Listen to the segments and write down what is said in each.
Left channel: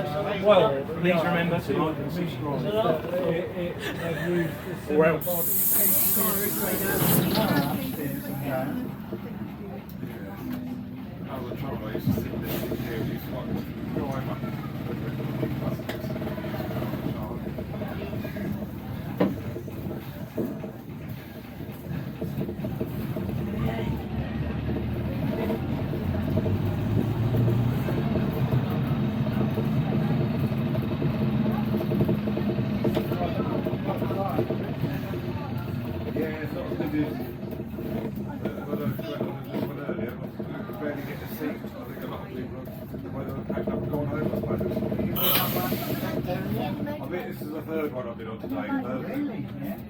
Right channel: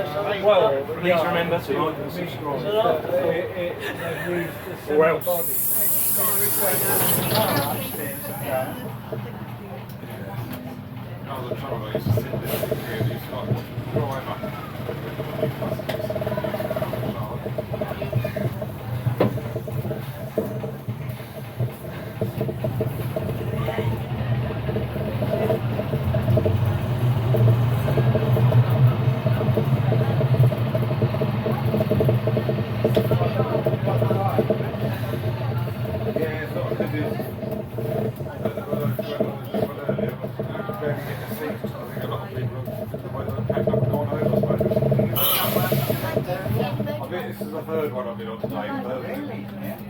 Well, please remember to like and subscribe. Or else. I was a trouble, I used to sit there and used to like drive up. Yeah, it's not good. Barely get to see. I think a lot of people have packed up and gone over, I suppose. I mean, this is the third one I've been on today.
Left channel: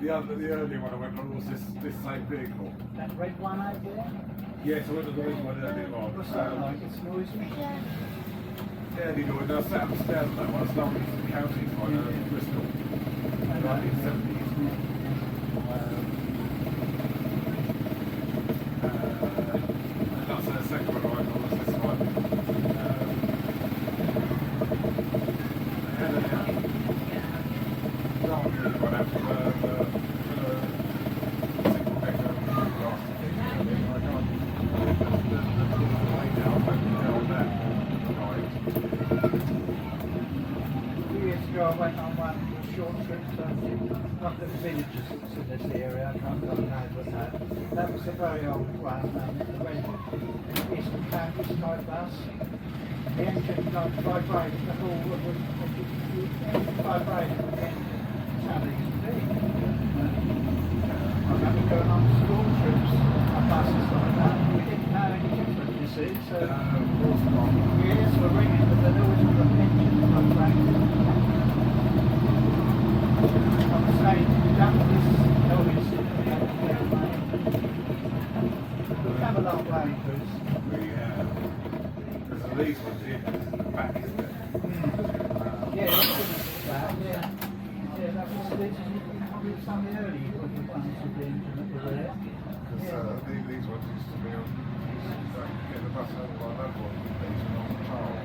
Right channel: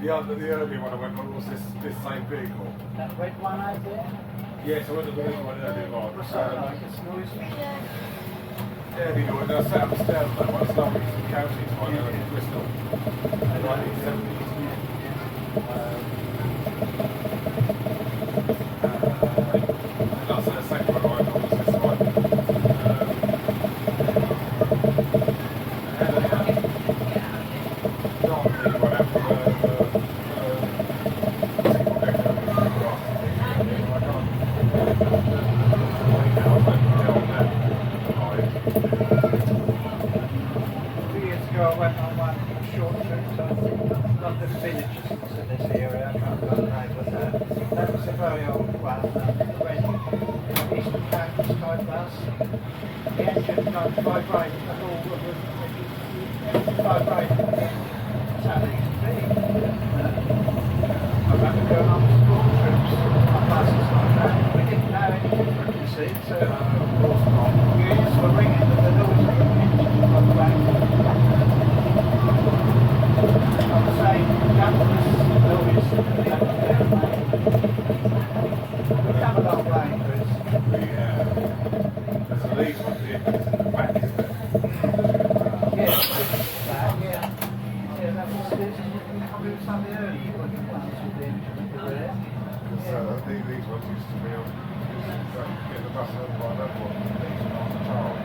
The early one I went on was this same vehicle. That red one over there? Yes, I went to the red one earlier on. What's that like? It's noisy? Yeah, they do it. I sat upstairs on that one. It's lovely from the counties one in Bristol. In the 1970s. That's the second one I went on was this one. And then dark blue one out from single decker grass. I can't now, I won't tell that live. 2 years ago I went on one short trip to London Villages to this area. I can't go around with that. That was a very old one, the red Eastern Counties type bus. The engine vibrated, the whole of the engine vibrated again. That's how they used to be. I remember going on school trips on buses like that. We didn't know any different, you see. So ears were ringing, but the noise of the engine vibrated. I would say that was noise that was there. We've come a long way, Chris. There's a lead one here, in the back, isn't it? Yeah, that, yeah. Yeah, that was probably some of the early ones with the engine that were there. These ones used to be on, get the bus over by that one, these and on the Charles. I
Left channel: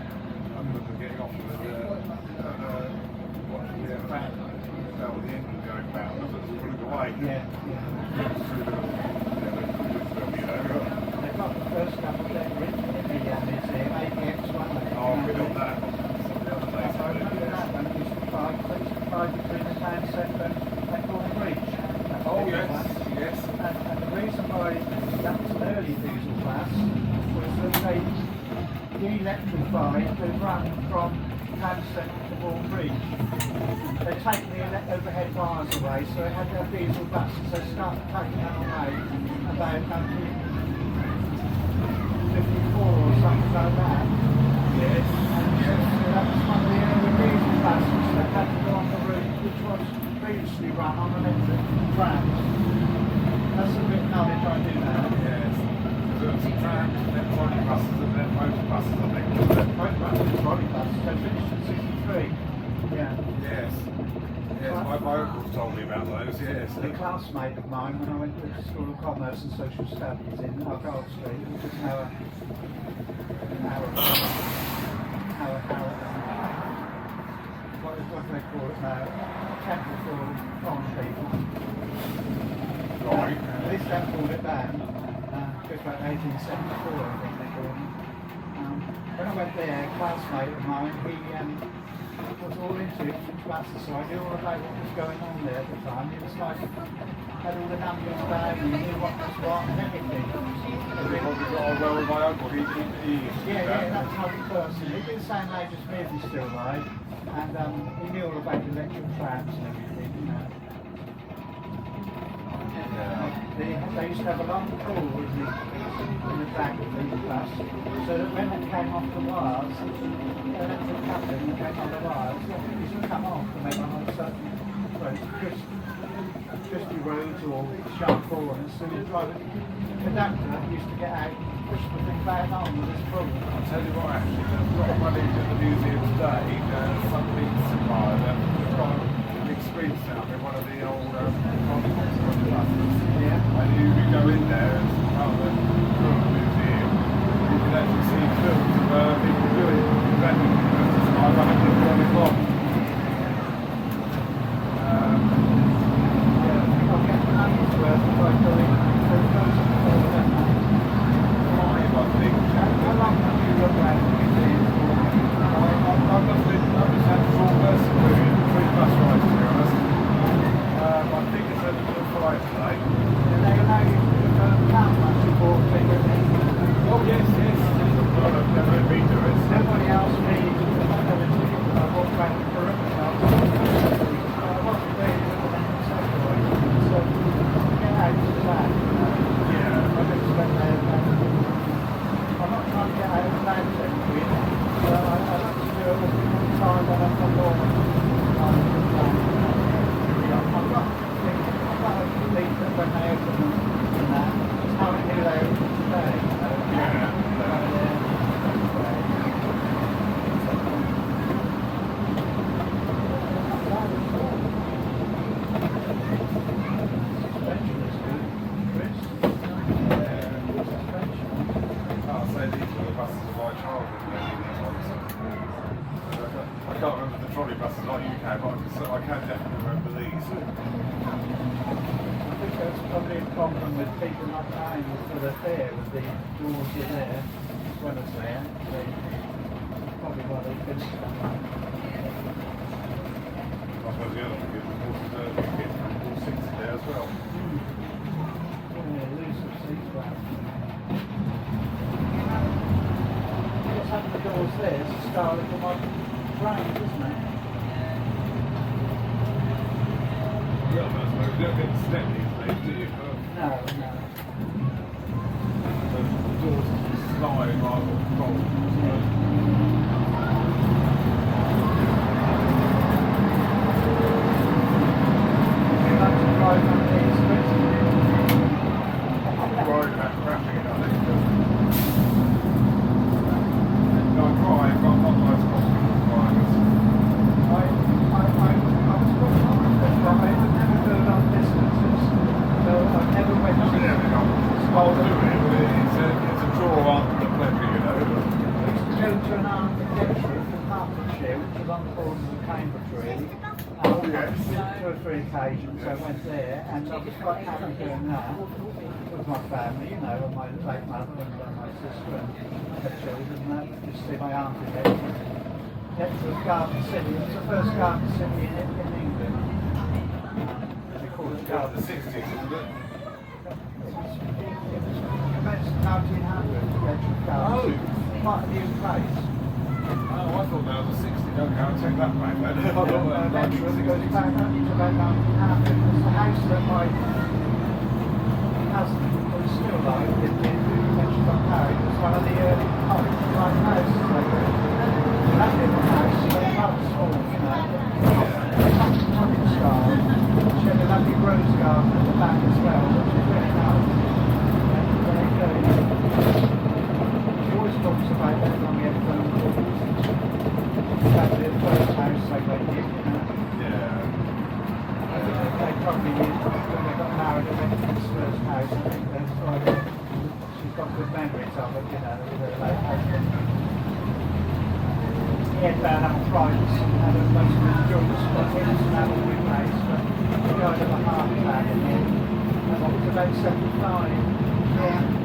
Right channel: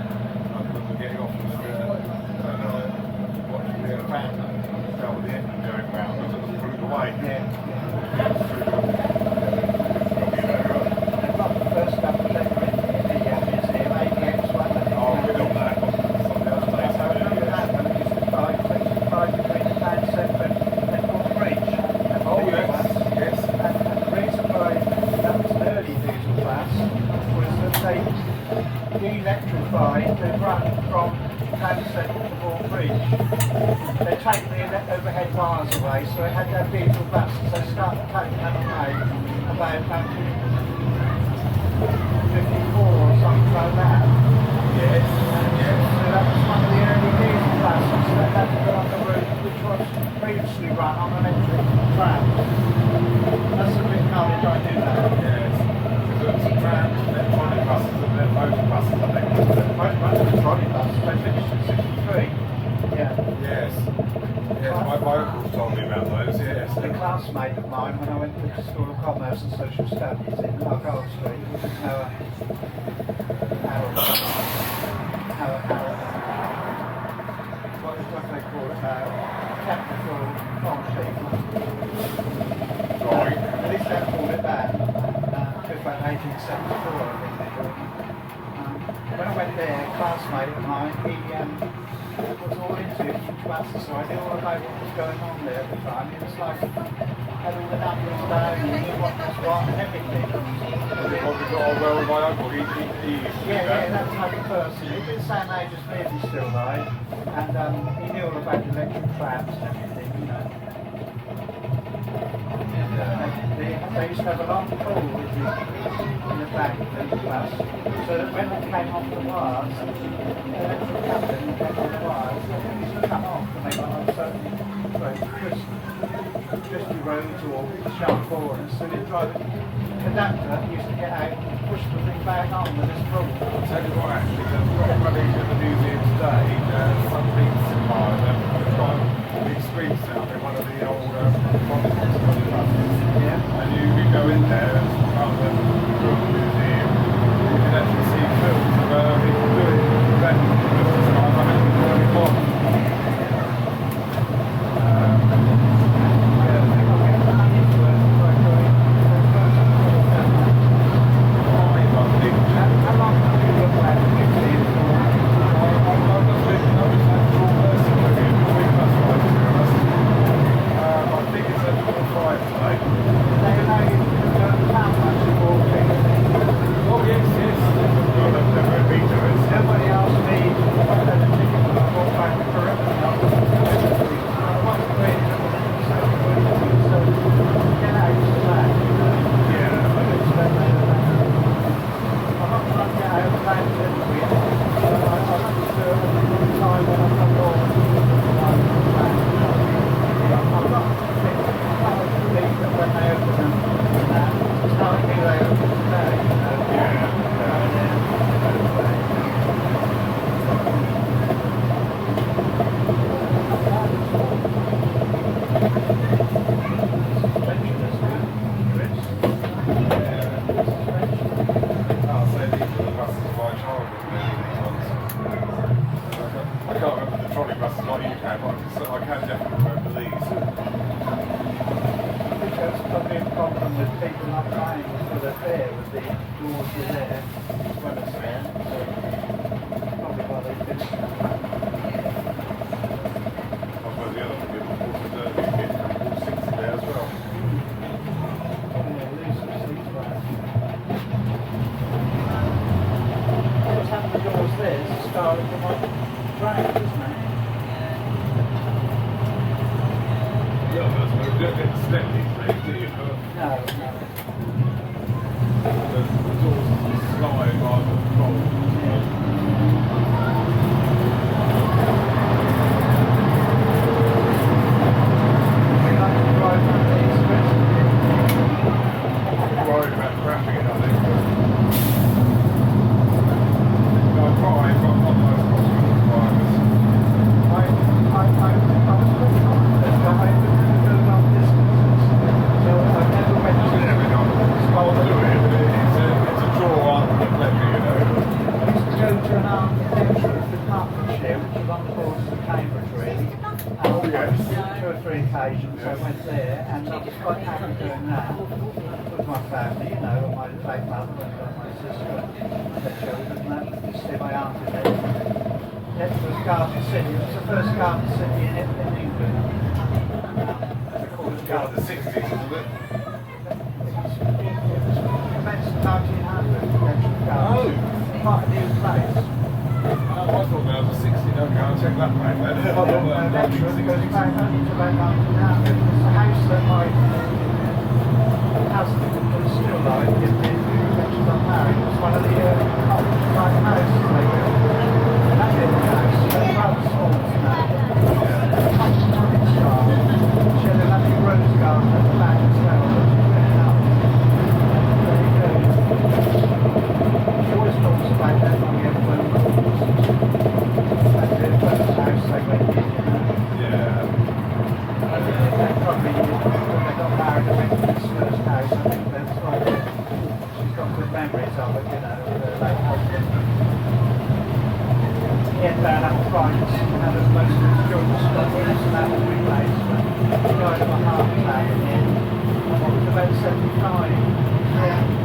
remember getting off and watching the fan felt the engine going round as it was pulling away. Yeah. They've got the first couple that were in the museum, ABX1. Oh, we got that on some of the other days. I remember that one, it used to fight between the Transoms and Bourne Bridge. Oh, yes. And the reason why that was an early diesel bus was that they de-electrified the run from Transoms to Bourne Bridge. They take the overhead wires away, so they had their diesel buses. They started taking them away about 1954 or something like that. Yes. So that was one of the early diesel buses that had to go on the route which was previously run on electric trams. That's a bit knowledge I do know. Yes. Because it's trams, and then trolley buses, and then motor buses, I think. Motor buses and trolley buses, they finished in 63. Yeah. Yes. Yes, my uncles told me about those, yes. A classmate of mine, when I went to the School of Commerce and Social Studies in Argyle Street, which is now what do they call it now? Temple for farm people. Right. At least they called it that. Just like 1874, I think they called it. When I went there, a classmate of mine, he was all into huge buses, so I knew all about what was going on there at the time. He was like, had all the numbers down, he knew what was what and everything. He probably got on well with my uncle. He used to do Yeah, that. that type of person. He'd been the same age as me if he's still alive, and he knew all about electric trams and everything, you know. They used to have a long pole in the back of the bus, so that when it came off the wires, the electric coupling came on the wires, it used to come off and they went on certain roads, twisty roads or sharp corners, so the conductor used to get out and push the thing back on with his pull. I'll tell you what, actually, there's got one in the museum today, something similar, they've got the extreme sound in one of the old buses. Yeah. And you go in there as part of the museum, you can actually see films of people doing that. they were today, you know. I'll say these were the buses of my childhood, these ones. I can't remember the trolley buses like you can, but I can definitely remember these. I think that's probably a problem with people not paying for the fare with the doors are there as well as there. So probably why they finished that. I suppose the other thing is, of course, is you get all 60 there as well. Probably a loose of seats back. What's having the doors there is the style of my train, isn't it? Yeah, but I suppose you don't get to step these days, do you? No, no. The doors slide rather than fold. Worried about crashing it, I think. No, I drive, but I'm not the most confident drivers. I was looking at it, but I never do long distances. So I never went to I'll do it, but it's a draw on the pleasure, you know. I used to go to an architectural for Hertfordshire, which was on the borders of Cambridge, really. Oh, yes. 2 or 3 occasions I went there, and I was quite happy doing that with my family, you know, my late mother and my sister and the children, and that was to see my aunt in it. It was Garden City. It was the first garden city in England. They called it Got Garden the 60s, isn't it? It was commenced in 1900, the actual garden. Oh. Quite a new place. Oh, I thought that was a 60. Okay, I'll check that back then. I thought that was Eventually, it goes 1960s. back only to about 1900. It was the house that my husband was still alive in mentioned on married. It was one of the early cottage-like houses they built. That little house, rather small, you know. Cottage style. She had a lovely rose garden at the back as well, which is very nice. Very good. She always talks about that when we have phone calls. That's the first house they went in, you know. Yeah. I think they probably, when they got married, they went to this first house. I think that's why she's got good memories of it, you know, with her late husband. He had bad arthritis and had a most of his children stuck in his and that was replaced, but he died of a heart attack in the end. And what was about 75. Yeah.